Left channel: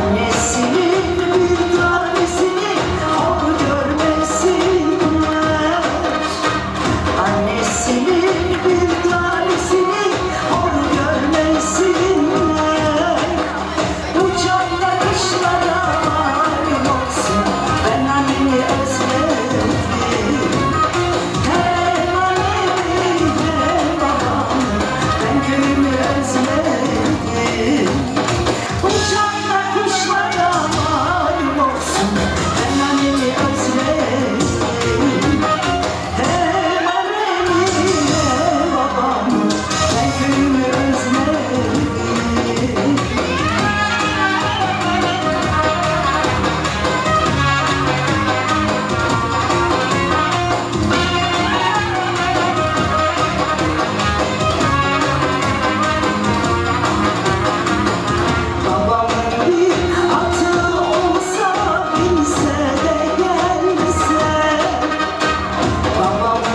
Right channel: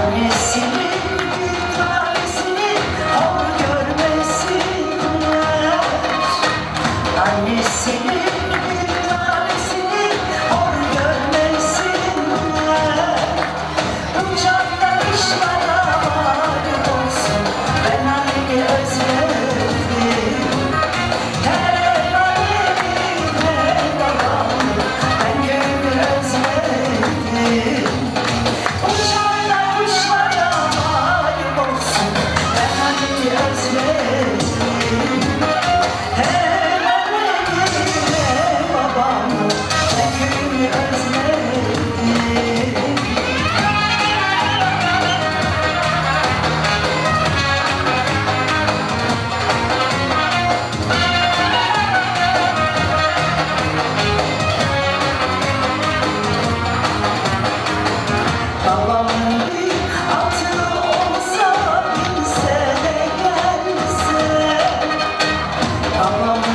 Conheci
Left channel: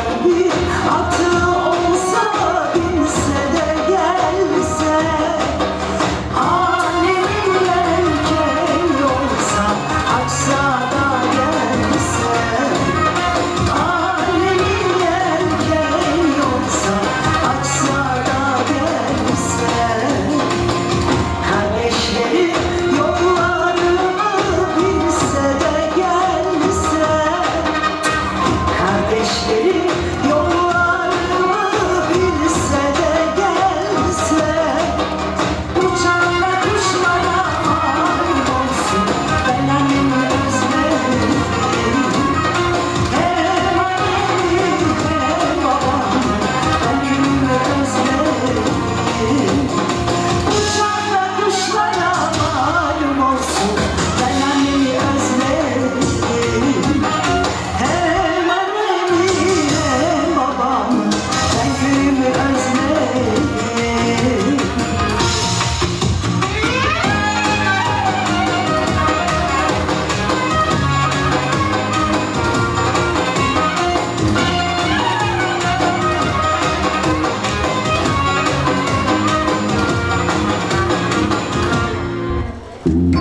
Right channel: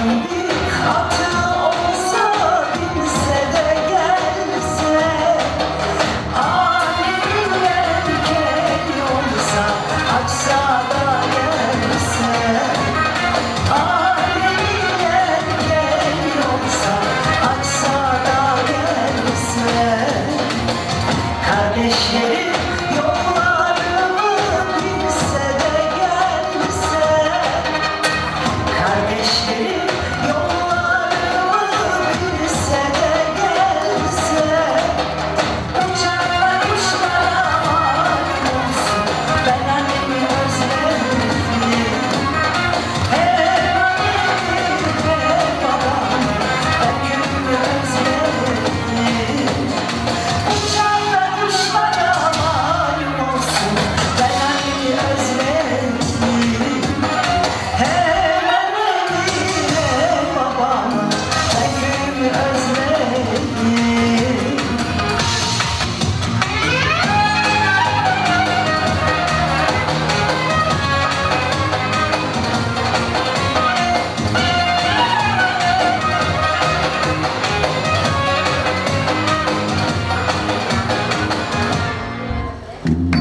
kalbi atıyor. Ooh.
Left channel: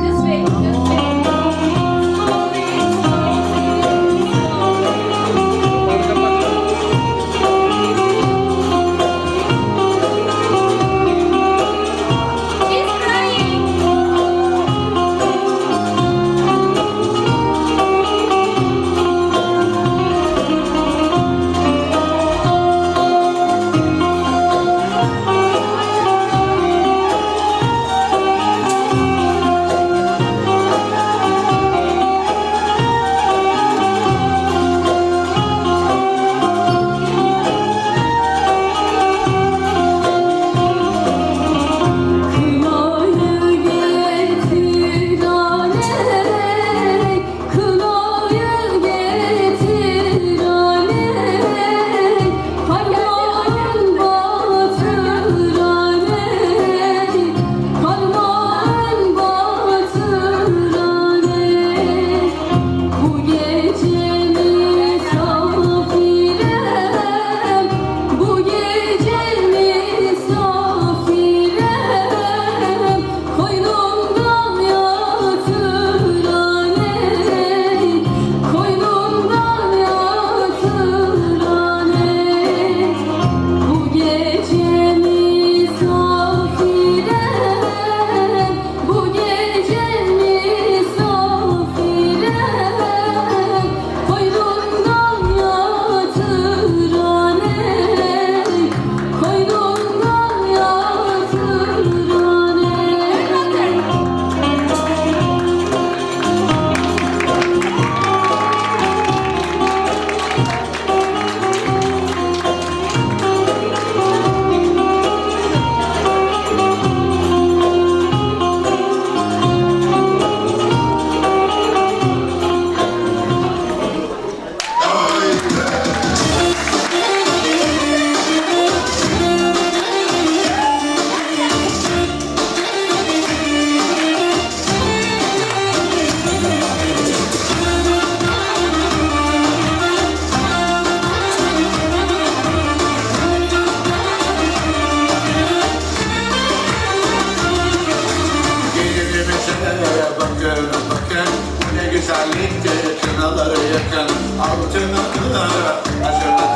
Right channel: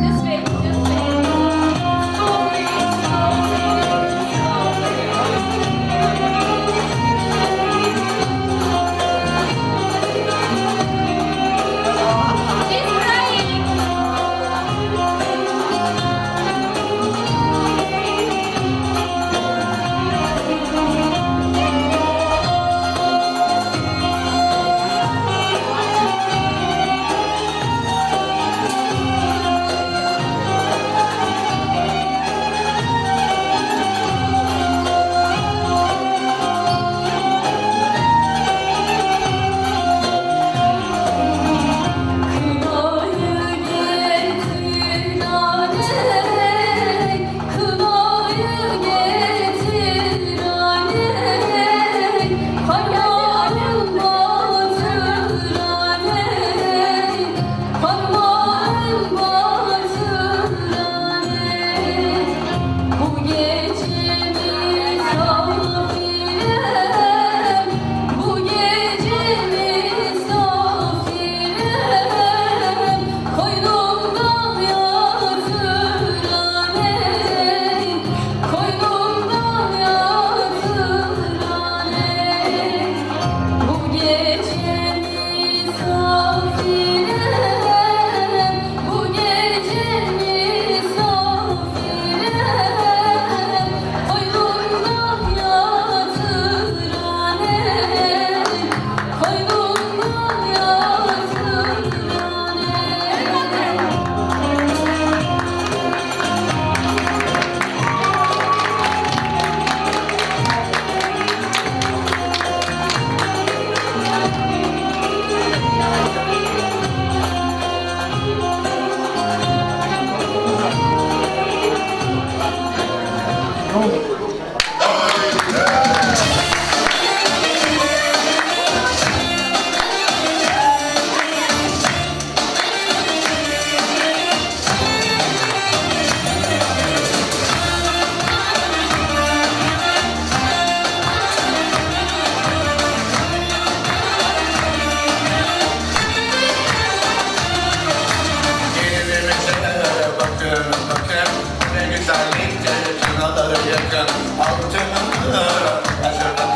bakın bakın ne güzelliktir Çanaları yakın. Altınları aşırı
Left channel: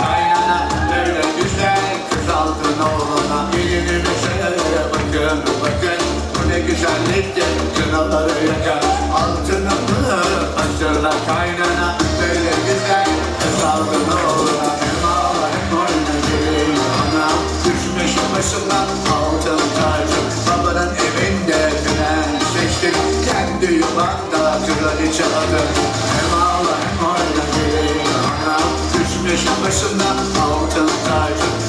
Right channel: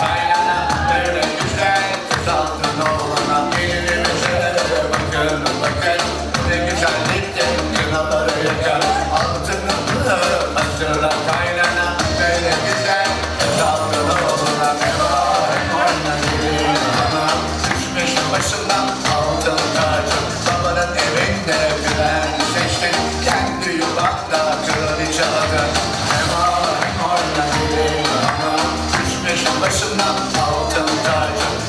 Acılar içeride Hem ağlar Orada gelirim Düşmüş başımdan Altın tacım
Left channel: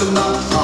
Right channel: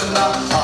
International